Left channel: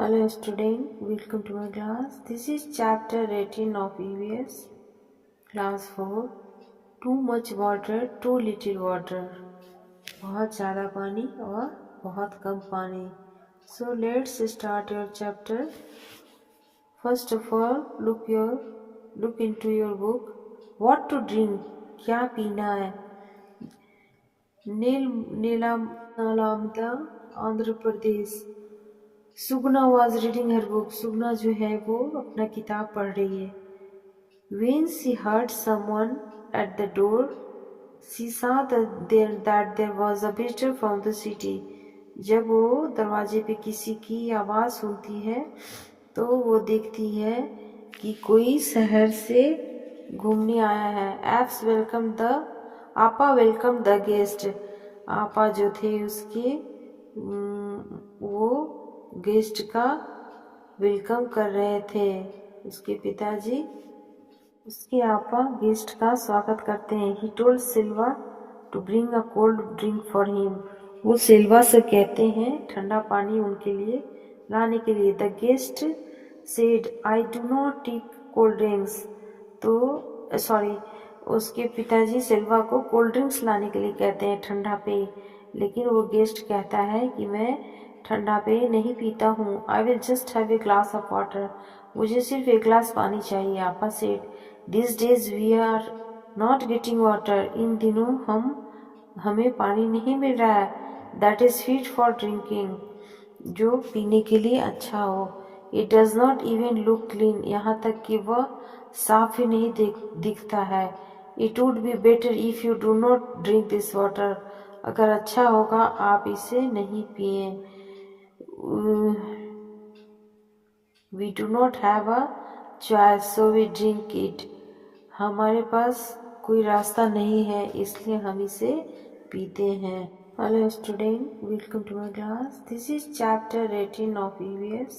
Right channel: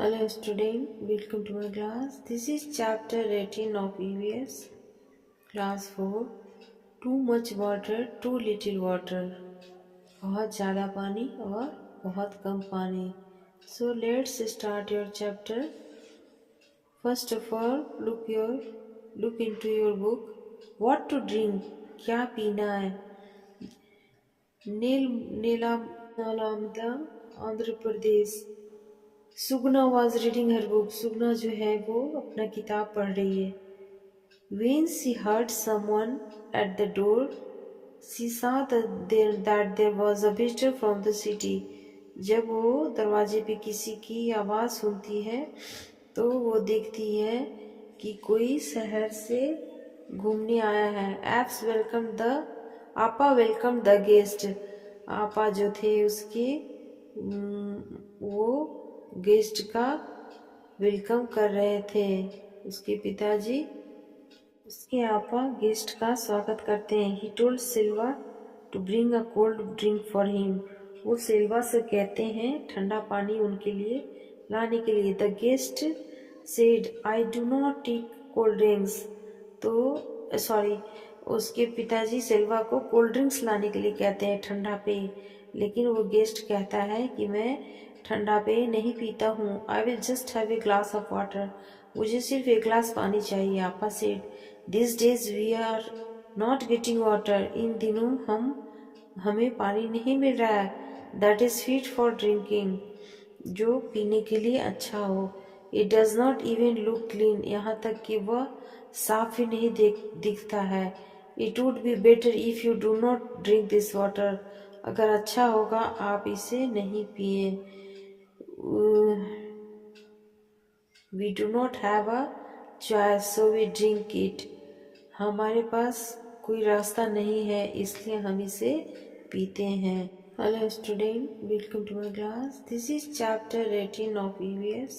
Hello student, welcome to my class. This is chapter 18 of EVS, class 4. Too much water, too little water. बहुत ज़्यादा पानी और बहुत कम पानी. So let's start your chapter. First of all, look into your book. What to drink? क्या पीना है? नीलामदा Andhra Pradesh. Sugna was reading her book. Sugna जो है वो अपना किताब पढ़ रही है. When she heard someone at the door, she saw that there was a visitor from the city. जब वो दरवाजे पे किसी की आवाज़ सुनती है तो वो देखती है कि कोई शहर से घूमने आया है. आपा वेलकम द गेस्ट. आपा जो थे उसके वो गेस्ट का वेलकम कर रहे थे. उसके पिताजी उसके आपा गेस्ट का स्वागत करते हैं. He told Silva to bring a cold drink for him. वो सिल्वा से कहते हैं ठंडा पानी उनके लिए लाने के लिए. The guest said I do not take cold drinks. तो उसके पिताजी सिल्वा को कोल्ड ड्रिंक्स लाने के लिए कहते हैं, ठंडा पेय. लेकिन वो गेस्ट कहता है कि मैं ठंडा पेय नहीं पीता हूँ. I will just have a glass of water. मुझे सिर्फ एक ग्लास पानी चाहिए. आपा said this days we are not getting water. इन दिनों हमें पानी नहीं मिल रहा है. That is fit for drinking. जो पीने के लिए अच्छा हो. It does not even look clean. यहाँ तक कि वह साफ ही नहीं दिखता है. It would be better if you do not drink this water. अगर अच्छा होगा आप इसे नहीं पिए. We do not have a choice so we drink it. हमारे पास कोई रास्ता नहीं है इसलिए हम इसे पीते हैं. Hello student, welcome to my class. This is chapter 18 of EVS,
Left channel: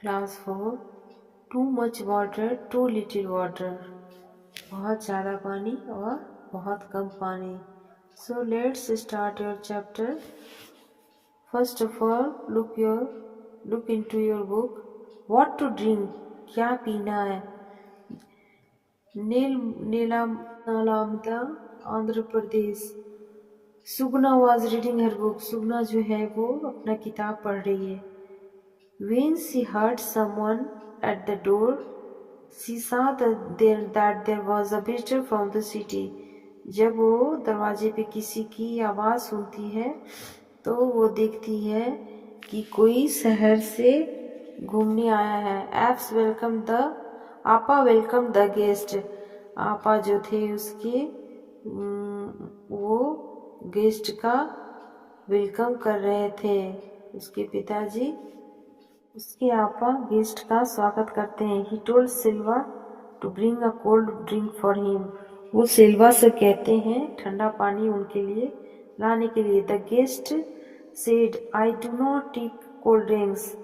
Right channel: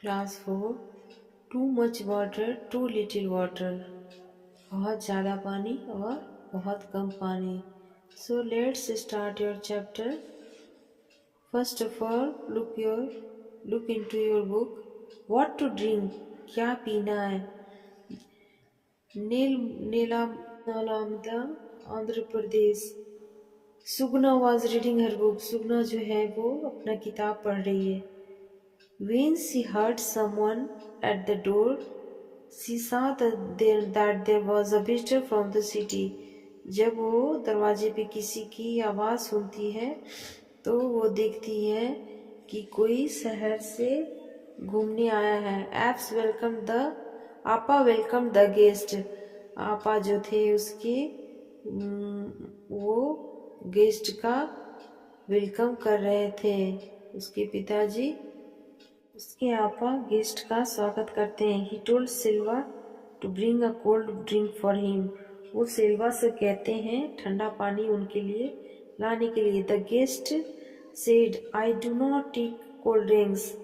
class 4. Too much water, too little water. बहुत ज़्यादा पानी और बहुत कम पानी. So let's start your chapter. First of all, look into your book. What to drink? क्या पीना है? Nalanda Andhra Pradesh. Sugna was reading her book. Sugna जो है वो अपना किताब पढ़ रही है. When she heard someone at the door, she saw that there was a visitor from the city. जब वो दरवाजे पे किसी की आवाज़ सुनती है तो वो देखती है कि कोई शहर से घूमने आया है. आपा वेलकम द गेस्ट. आपा जो थे उसके वो गेस्ट का वेलकम कर रहे थे. उसके पिताजी उसके आपा गेस्ट का स्वागत करते हैं. He told Silva to bring a cold drink for him. वो सिल्वा से कहते हैं ठंडा पानी उनके लिए लाने के लिए. The guest said I do not take cold drinks.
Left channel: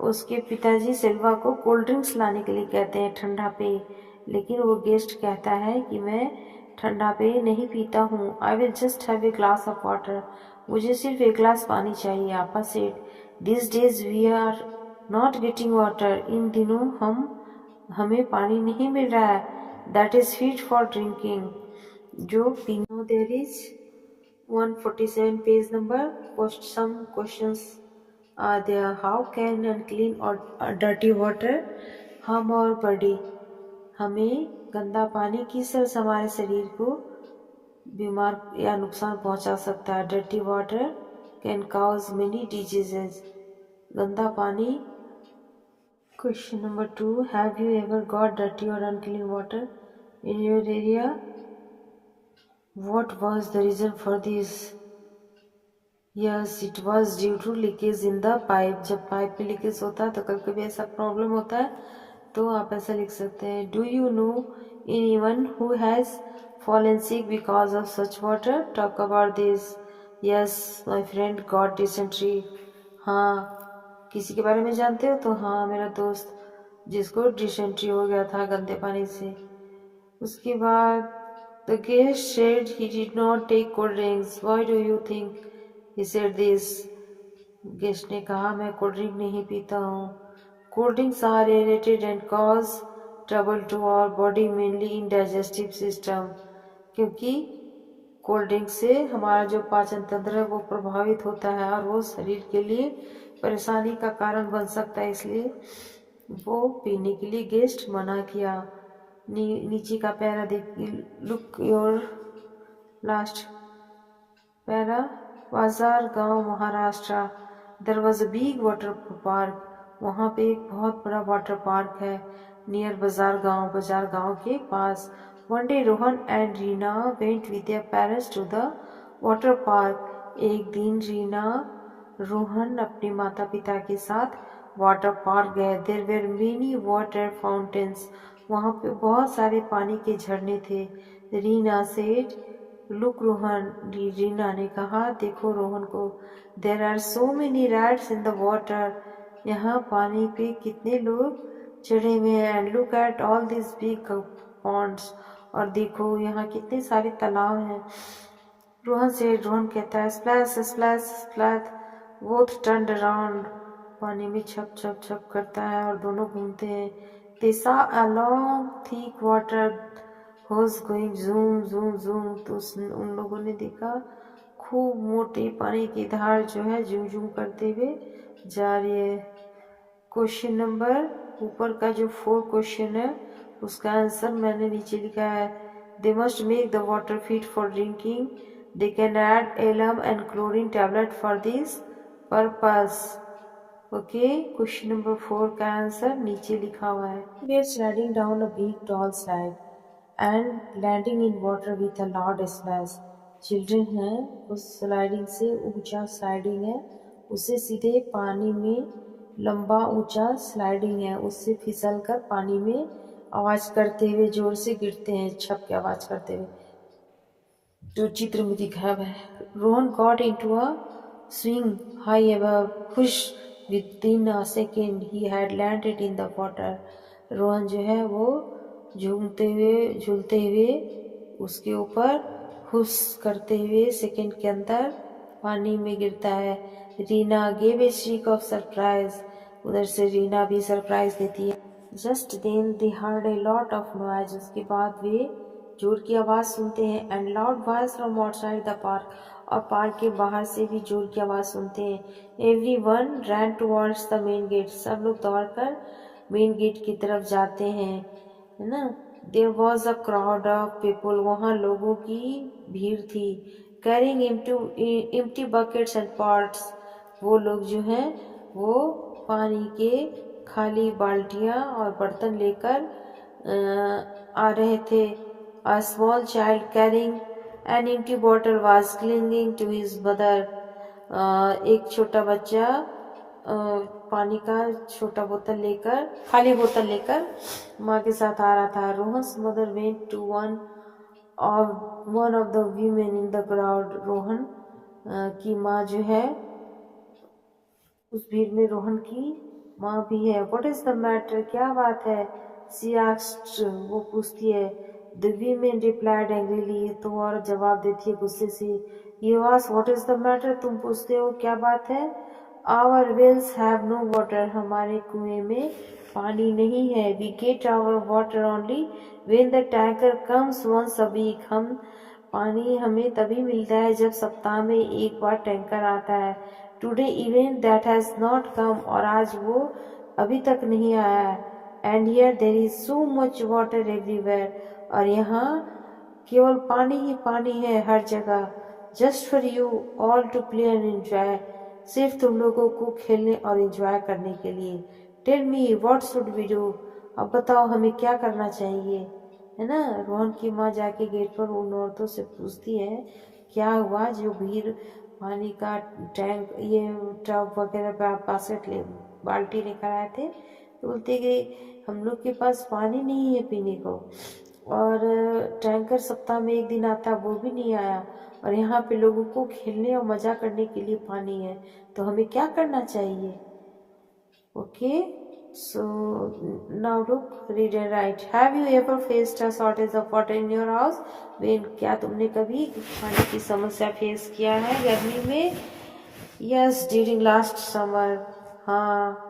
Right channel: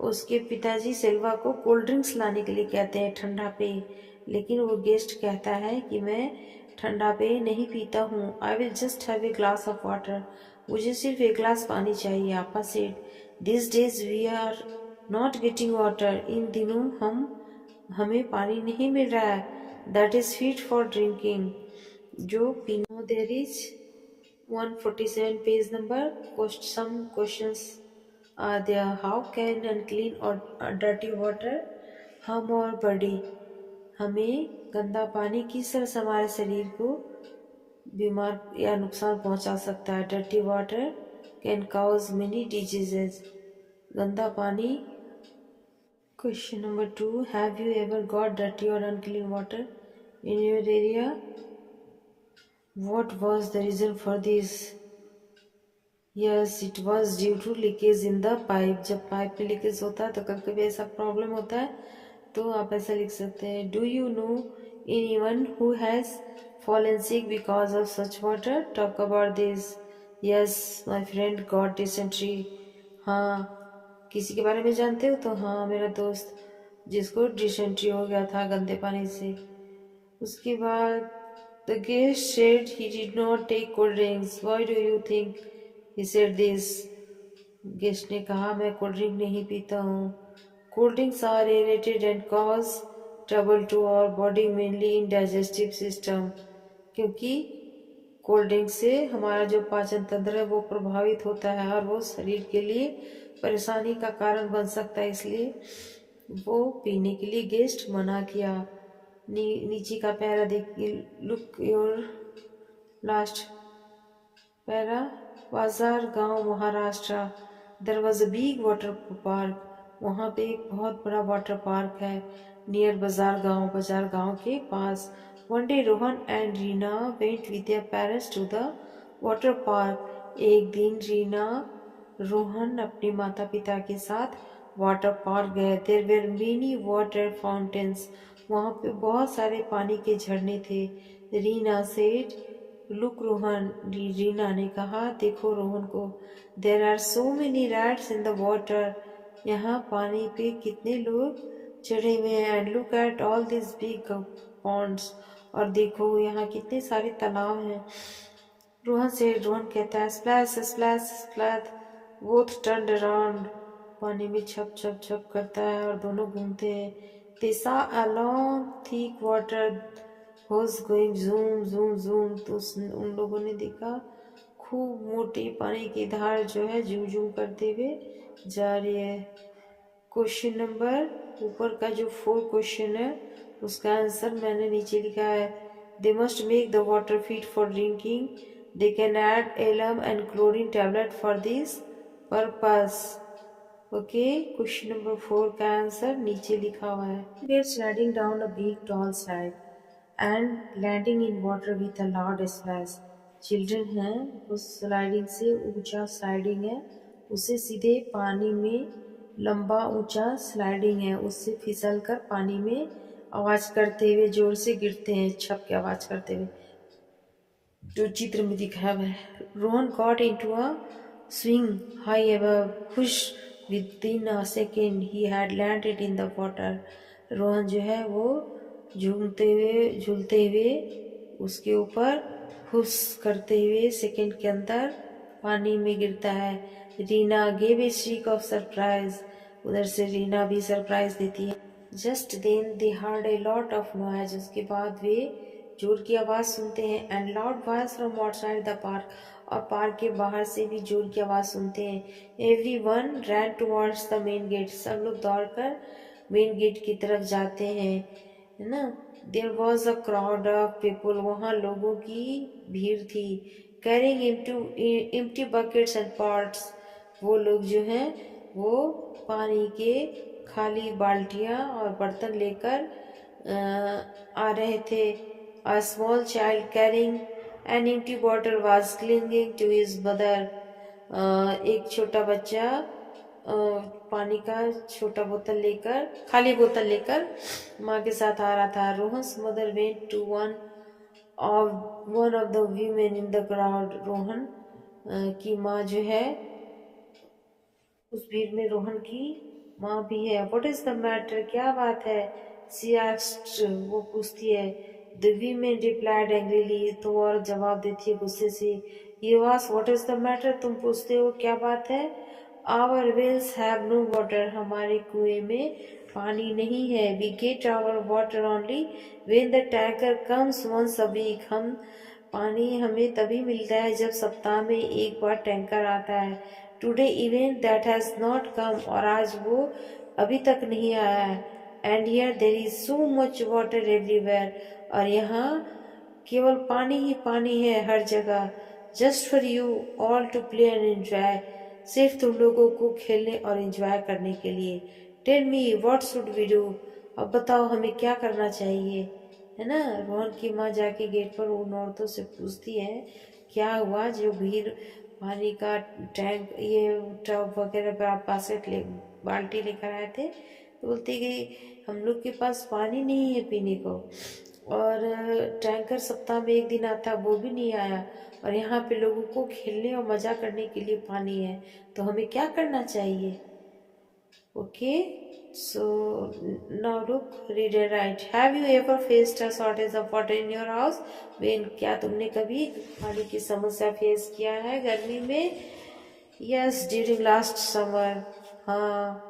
उसके पिताजी सिल्वा को कोल्ड ड्रिंक्स लाने के लिए कहते हैं, ठंडा पेय. लेकिन वो गेस्ट कहता है कि मैं ठंडा पेय नहीं पीता हूँ. I will just have a glass of water. मुझे सिर्फ एक ग्लास पानी चाहिए. आपा said this days we are not getting water. इन दिनों हमें पानी नहीं मिल रहा है. That is fit for drinking. जो पीना. There is 147 page number. Some questions are there. How can unclean और dirty water harm our body. हमें गंदा पानी किस तरह से हमारे शरीर को बीमार या नुकसान पहुंचा सकता है. Dirty water can cause many diseases. गंदा पानी. Question number 2, have you ever got dirty और unclean water in your area? What was the reason for this? Yes, it was due to leakage in the pipe. जब pipe में leakage होता है तो कभी कभी ऐसा प्रॉब्लम होता है. तो आप ऐसा लिख सकते हैं. Do you know anyone who has fallen sick because of such water? Talk about this. Yes, my friend got dysentery. हाँ, किसी के बारे में जानते हो? तो हाँ, मेरा दोस्त जिसको डिसेंट्री हो गया था गंदे पानी से. उसके बाद the guest said he did not take cold drinks. Why do you think he said this? Guest ने कहा, मैं कोल्ड ड्रिंक नहीं पीता हूँ। Cold drinks are irritated and cause trouble to our body, mainly in digestive system. क्योंकि cold drink से हमारा जो पाचन तंत्र है वो प्रभावित होता है और वो शरीर के लिए परेशानी का कारण बन सकता है, इसलिए वो पीने के लिए गेस्ट मना किया। नीचे का पैरा देखिए, लुक योर लास्ट पैरा। बाजार गांव Maharashtra, there was a big water park. वहाँ पे एक बहुत बड़ा वाटर पार्क है नियर बाजार गांव के पास। One day Rohan and Reena went with their parents to the water park. एक दिन रीना रोहन अपने माता पिता के साथ वाटर पार्क गए। There were many water fountains. वहाँ पे बहुत सारे पानी के झरने थे। Reena said, look Rohan. रीना ने कहा, देखो रोहन को। There are so many rats in the water. यहाँ पानी पे कितने लोग चढ़े हुए हैं। And look at all this big ponds. और देखो यहाँ कितने सारे तालाब हैं। रोहन कहता है, splash splash splash. Both turned around. पानी में छप छप छप करता है और दोनों घूमते हैं। They saw a long thick water hose going zoom zoom zoom. तो उन लोगों ने देखा खूब मोटी पानी की धार जो है जूम जूम करते हुए जा रही है। क्वेश्चन नंबर, ऊपर का जो 4 क्वेश्चन है उसका आंसर मैंने नीचे लिखा है। They must make the water fit for drinking. They can add alum and chlorine tablet for this purpose. Okay, question number 4 का आंसर नीचे लिखा हुआ है। We are sliding down a big tall slide and landing in water with a loud splash. Children हैं, उस sliding से ऊंचा sliding है, उससे सीधे पानी में लंबा ऊंचा स्लाइडिंग है, उससे फिसल कर पानी में आवाज करते हुए जोर से गिरते हैं, छप के आवाज करते हुए, जो चित्र में दिखाया हुआ है। Rohan got into a swing high above, whoosh within a second he had landed in the water. Rohan जो है वो झूलते हुए उसके ऊपर हुश करते हुए सेकेंड के अंदर पानी में गिरता है। Reena gave a shriek of surprise. उधर से रीना भी सरप्राइज देती है। Just then they heard a lot of noise. उसके बाद वे जोर की आवाज़ सुनते हैं। And loud voice from outside the park. और पार्क के बाहर से भी जोर की आवाज़ सुनते हैं। Everyone ran towards the main gate. सब लोग दौड़कर मेन गेट की तरफ जाते हैं, है ना। There was a crowd of people. वहाँ लोगों की भीड़ थी। Carrying empty buckets and pots. वो लोग जो हैं वो पानी के खाली बाल्टियाँ और बर्तन लेकर आ रहे थे। A small child carrying an empty bottle was clinging to his mother. एक छोटा बच्चा पानी का छोटा बोतल लेकर, खाली बोतल लेकर माँ के साथ आ रहा था। Rohan's mother went to one of the women in the crowd. Rohan की माँ जो है, उस भीड़ में रोहन की माँ भी है। व्हाट इज द मैटर, क्या बात है? शी आस्क्ड, वो पूछती है। द वीमेन रिप्लाइड एंग्रीली, तो और जवाब देती है गुस्से से। You ask what is the matter, तुम पूछते हो क्या बात है? Our wells have no water, हमारे कुएं में पानी नहीं है। We get our water only when the tanker comes once a week. हम पानी हमें तभी मिलता है जब सप्ताह में एक बार टैंकर आता है। Today even that has not come, और आज वो अभी तक नहीं आया है। And here there is so much water everywhere, और यहाँ केवल पानी ही पानी है हर जगह। Just for you all to play and enjoy, सिर्फ तुम लोगों को खेलने और एंजॉय करने के लिए। Tell me what should we do, अब बताओ हमें क्या करना चाहिए, है ना। रोहन की माँ जाके गेट पर उन औरतों से पूछती है क्या हुआ, जो भीड़ पानी का टैंक, ये टब वगैरह बास्केट बाल्टी लेकर आए थे। तो बोलते कि हम लोग के पास पानी नहीं है पीने को, और टैंकर सप्ताह में एक दिन आता, वो भी नहीं आया, और यहाँ पे लोगों को खेलने और मज़ा करने के लिए पानी है, तो हमें क्या करना चाहिए? Okay, so now look, read and right. Have you ever faced a shortage of water in your house? When, क्या तुमने कभी पानी की समस्या फेस किया है गर्मी में? यस ड्यूरिंग लास्ट समर, हाँ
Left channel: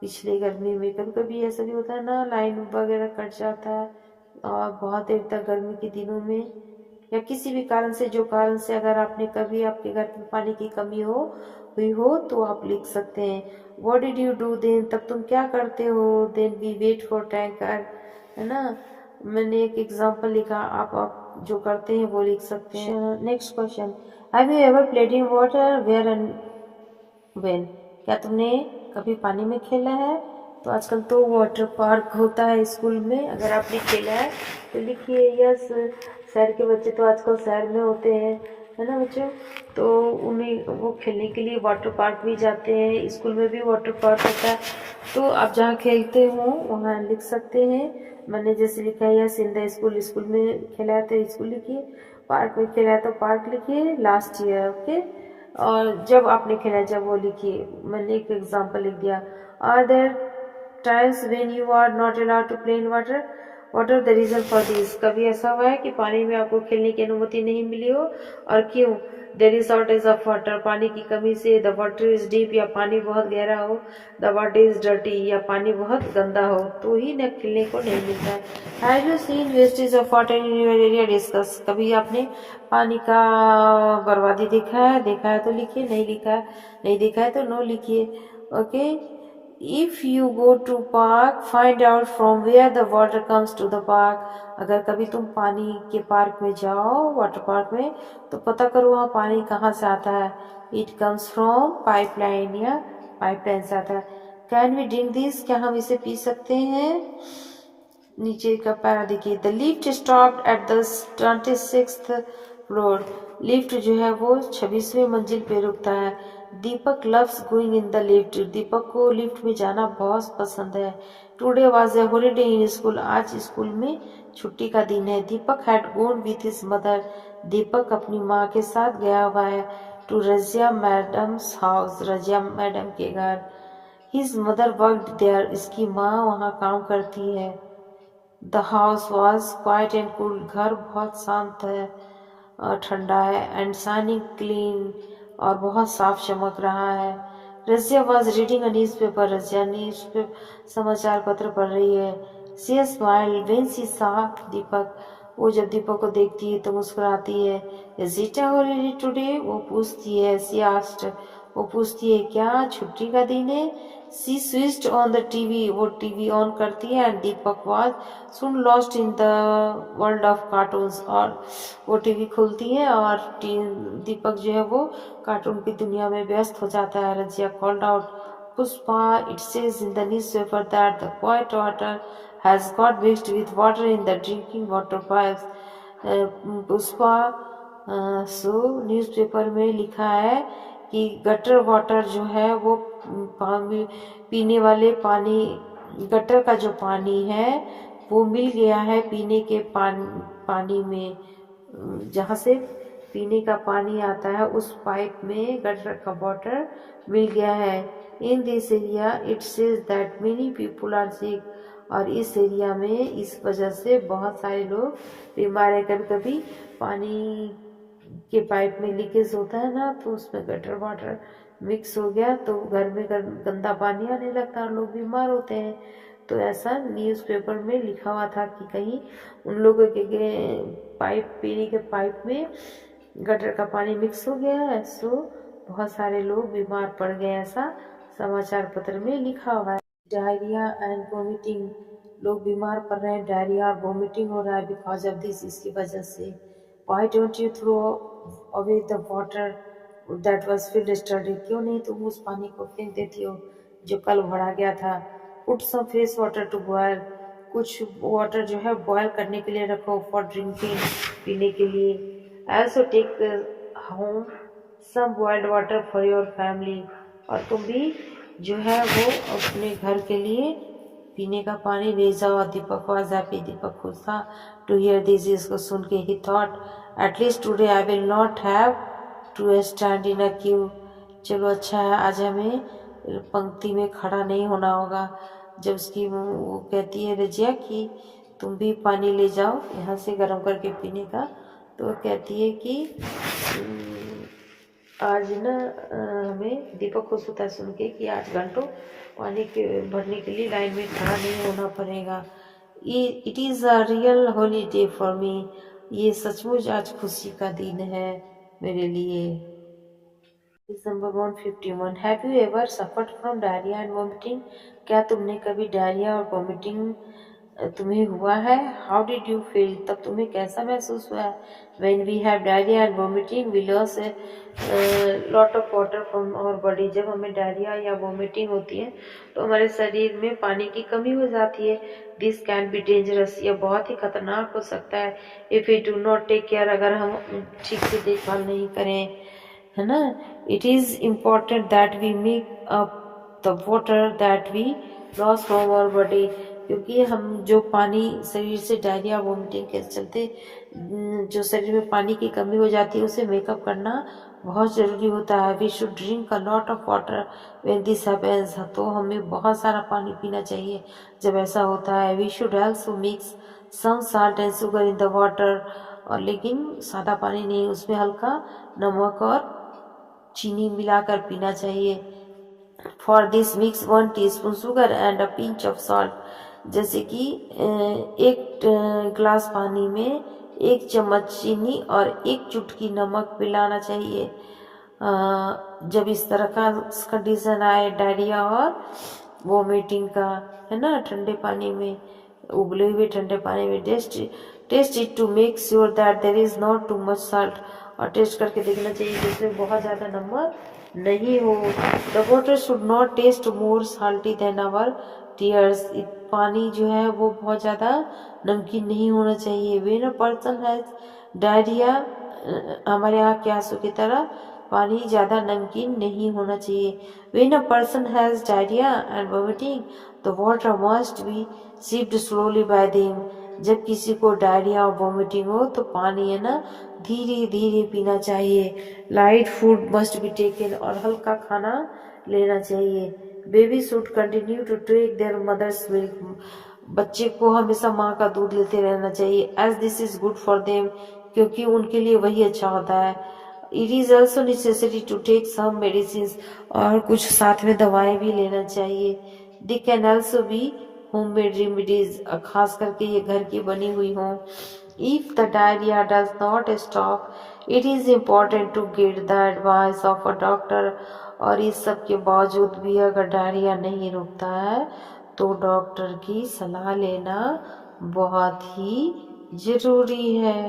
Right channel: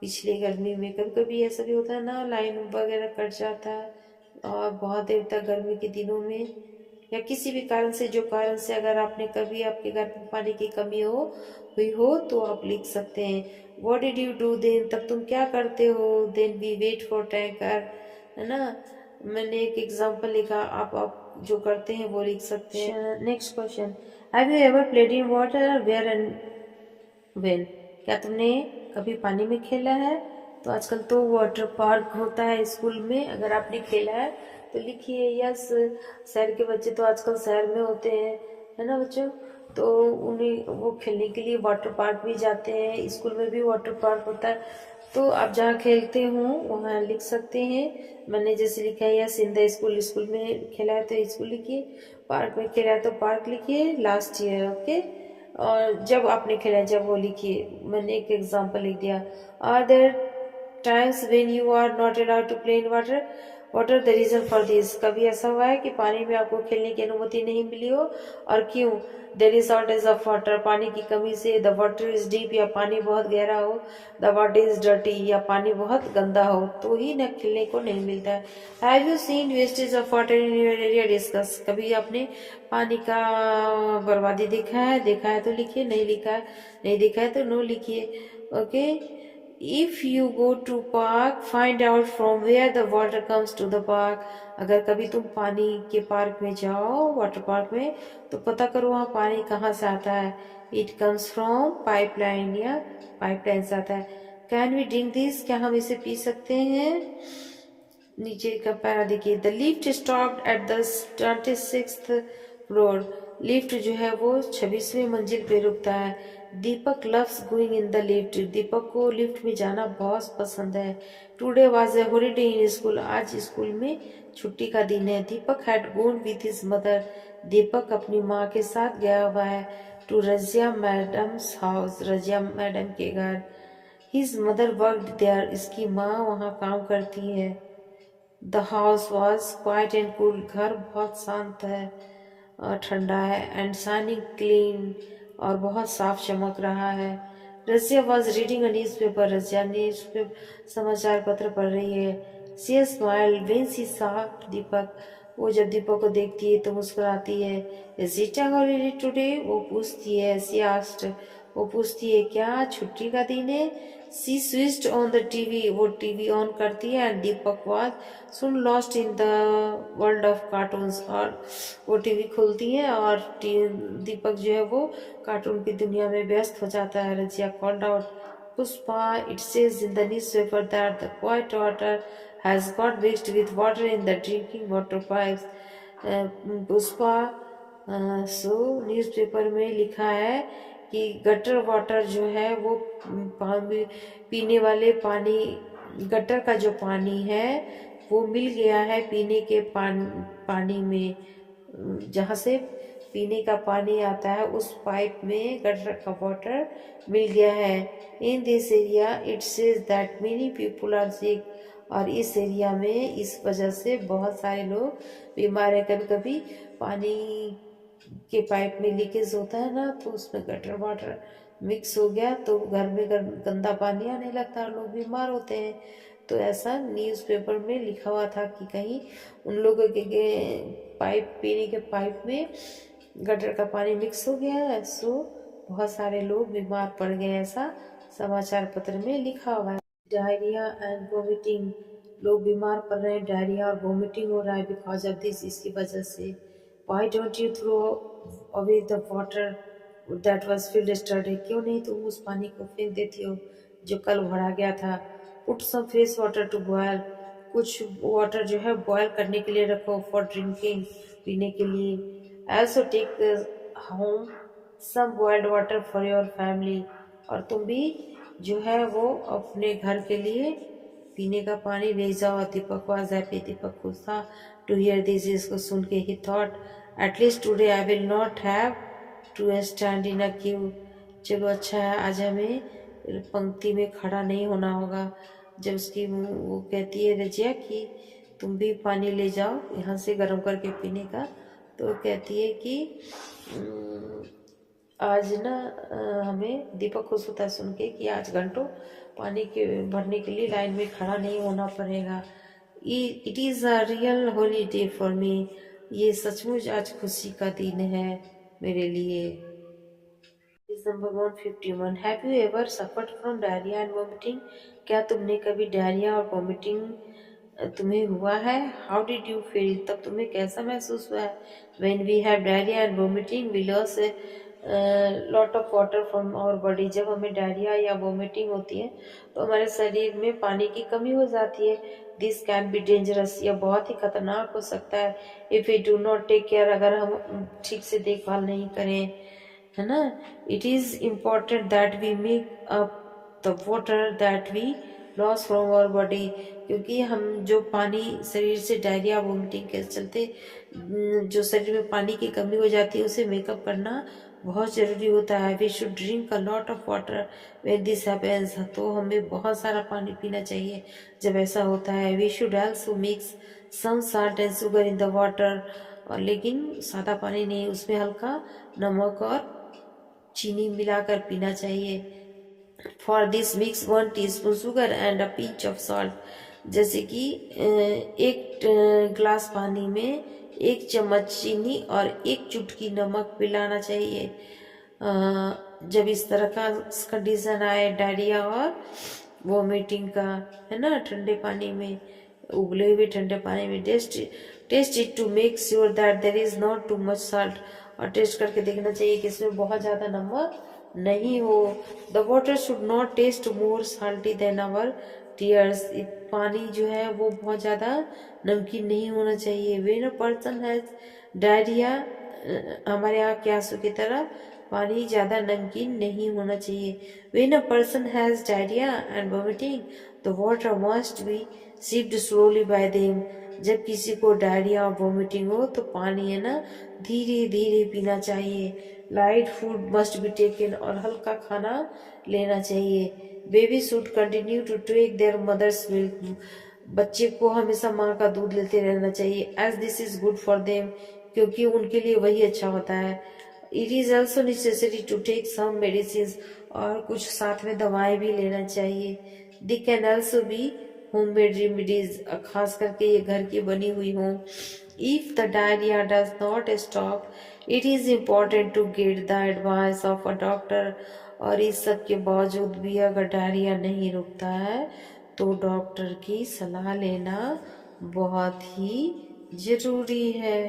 पिछले गर्मी में कभी कभी ऐसा भी होता है ना, लाइन वगैरह कट जाता है और बहुत देर तक गर्मी के दिनों में या किसी भी कारण से, जो कारण से अगर आपने कभी आपके घर में पानी की कमी हुई हो तो आप लिख सकते हैं what did you do then, तब तुम क्या करते हो, then we wait for tanker, है ना। मैंने एक एग्जांपल लिखा, आप जो करते हैं वो लिख सकते हैं। Next question, have you ever played in water, where and when, क्या तुमने कभी पानी में खेला है। तो आजकल तो वाटर पार्क होता है स्कूल में, अगर आपने खेला है तो लिखिए यस। शहर के बच्चे तो आजकल शहर में होते हैं, है ना बच्चों, तो उन्हें वो खेलने के लिए वाटर पार्क भी जाते हैं, स्कूल में भी वाटर पार्क होता है, तो आप जहाँ खेलते हो वहाँ लिख सकते हैं। मैंने जैसे लिखा है yes in the school, school में खेला है तो स्कूल लिखिए, पार्क में खेला है तो पार्क लिखिए, लास्ट ईयर, ओके। और जब आपने खेला जब वो लिखिए, मैंने एक एग्जांपल लिख दिया, are there times when you are not allowed to play in water, what are the reason for this, कभी ऐसा हुआ है कि पानी में आपको खेलने की अनुमति नहीं मिली हो और क्यों। There is shortage of water, पानी की कमी से, द वाटर इज डीप, या पानी बहुत गहरा हो, द वाटर इज डर्टी, या पानी बहुत गंदा हो तो ही न खेलने को नहीं मिल रहा है। Have you seen wastage of water in your area, discuss, कभी आपने पानी का बर्बादी देखा है तो लिखिए, नहीं लिखा है, नहीं देखा है तो नो लिखिए, okay. If you go to park find out from where the water comes to the park, अगर कभी तुम पानी के पार्क में जाओ, वाटर पार्क में, तो पता करो वहाँ पानी कहाँ से आता है। इट कम्स फ्रॉम पाइपलाइन, या पाइपलाइन से आता है। कैन वी ड्रिंक दिस, क्या हम इसे पी सकते हैं। नीचे का पैरा देखिए, the lift stopped at the 26th floor, lift जो है वो 26वें मंजिल पे रुकता है। Deepak loves going in the lift, Deepak को लिफ्ट में जाना बहुत पसंद है। Today was a holiday in school, आज स्कूल में छुट्टी का दिन है। Deepak had gone with his mother, Deepak अपनी माँ के साथ गया हुआ है। To Razia madam's house, Razia madam के घर। हिज मदर वर्कड देयर, इसकी माँ वहाँ काम करती है। The house was quiet and cool, घर बहुत शांत है और ठंडा है। एंड शाइनिंग क्लीन, और बहुत साफ चमक रहा है। Razia was reading a news paper, Razia news paper समाचार पत्र पढ़ रही है। सी स्माइल्ड व्हेन शी सॉ दीपक, वो जब दीपक को देखती है तो मुस्कुराती है। Is it a holiday today, वो पूछती है। सी आस्क्ड, वो पूछती है क्या छुट्टी का दिन है। सी स्विच्ड ऑन द टीवी, वो टीवी ऑन करती है। And Deepak was soon lost in the world of cartoons, और वो टीवी खोलती है और दीपक जो है वो कार्टून की दुनिया में व्यस्त हो जाता है। Razia called out, Pushpa, it says in the news paper that the quite water has got mixed with water in the drinking water pipes. Pushpa, so newspaper में लिखा है कि गटर वाटर जो है वो पीने वाले पानी, गटर का जो पानी है वो मिल गया है पीने के पानी में, जहाँ से पीने का पानी आता है उस पाइप में गटर का वाटर मिल गया है। In this area it says that many people are sick, और इस एरिया में इस वजह से बहुत सारे लोग बीमार है। कभी कभी पानी के पाइप में लीकेज होता है ना, तो उसमें गटर वाटर मिक्स हो गया तो घर में गंदा पानी आने लगता है और लोग बीमार होते हैं। तो ऐसा न्यूज़पेपर में लिखा हुआ था कि कहीं उन लोगों के पाइप, पीने के पाइप में गटर का पानी मिक्स हो गया है, सो बहुत सारे लोग बीमार पड़ गए, ऐसा समाचार पत्र में लिखा हुआ है। डायरिया एंड वोमिटिंग, लोग बीमार पड़ रहे हैं, डायरिया और वोमिटिंग हो रहा है बिकॉज ऑफ दिस, इसकी वजह से। Why don't you throw away the water that was filled yesterday? क्यों नहीं तुम उस पानी को फेंक देती हो जो कल भरा गया था। Put some fresh water to boil, कुछ वाटर जो है बॉयल करने के लिए रखो, फॉर ड्रिंकिंग, पीने के लिए। Also take home some boiled water for your family, और तुम भी जो है वो अपने घर के लिए पीने का पानी ले जाओ। दीपक वॉज हैप्पी, दीपक खुश था। टू हियर दिस, इसको सुन के he thought at least today I will not have to stand in a queue, चलो अच्छा है आज हमें पंक्ति में खड़ा नहीं होना होगा। जब उसकी वो कहती है रजिया कि तुम भी पानी ले जाओ यहाँ से गर्म करके पीने का, तो कहती है कि आज ना हमें दीपक खुश होता है सुन के कि आज घंटों पानी के भरने के लिए लाइन में खड़ा नहीं होना पड़ेगा। It is a real holiday for me. ये सचमुच आज खुशी का दिन है मेरे लिए। Number 151। Have you ever suffered from diarrhoea and vomiting? क्या तुमने कभी डायरिया और वॉमिटिंग तुम्हें हुआ है? How did you feel? तब तुम्हें कैसा महसूस हुआ है? When we have diarrhoea and vomiting we loss lot of water from our body. जब हमें डायरिया या वॉमिटिंग होती है तो हमारे शरीर में पानी की कमी हो जाती है। This can be dangerous. यह बहुत ही खतरनाक हो सकता है if we do not take care. अगर हम ठीक से देखभाल नहीं करें, है ना। It is important that we make up the water that we loss from our body. क्योंकि हम जो पानी शरीर से डायरिया वोमिटिंग के चलते जो शरीर में पानी की कमी हो जाती है उसे मेकअप करना बहुत ज़रूरी होता है। We should drink a lot of water when this happens. तो हमें बहुत सारा पानी पीना चाहिए जब ऐसा होता है। We should also mix some salt and sugar in the water. और लेकिन सादा पानी नहीं, उसमें हल्का नमक और चीनी मिलाकर पीना चाहिए। For this mix 1 teaspoon sugar and a pinch of salt. जैसे कि एक ग्लास पानी में 1 चम्मच चीनी और 1 चुटकी नमक मिलाना चाहिए। जब इस तरह का कंडीशन आए डायरिया और वोमिटिंग का, है ना, ठंडे पानी में, उबले हुए ठंडे पानी में test it to make sure that there is not too much salt. और टेस्ट करके देखना चाहिए कि इसमें बहुत ज़्यादा नमक नहीं हो। The water should not taste more salty than our tears. पानी जो है वो बहुत ज़्यादा नमकीन नहीं होना चाहिए। When a person has diarrhoea, हमारे आँख के आंसू की तरह पानी ज़्यादा नमकीन नहीं होना चाहिए। When a person has diarrhoea and vomiting the water must be sipped slowly bye them. जब किसी को डायरिया और वॉमिटिंग हो तो पानी है ना धीरे धीरे पीना चाहिए। Light food must be taken. और हल्का खाना लेना चाहिए। Baby should continue to take their mother's milk. बच्चे को हमेशा माँ का दूध लेते रहना चाहिए। As this is good for them, क्योंकि उनके लिए वही अच्छा होता है। It is also necessary to take some medicine. और कुछ साथ में दवाएं भी लेना चाहिए। They can also be homemade remedies, खास करके ये घर की बनी हुई हो। If the diarrhoea does not stop it is important to get the advice of a doctor. और इस सब के बावजूद भी अगर डायरिया नहीं रुकता है तो डॉक्टर की सलाह लेना बहुत ही जरूरी है।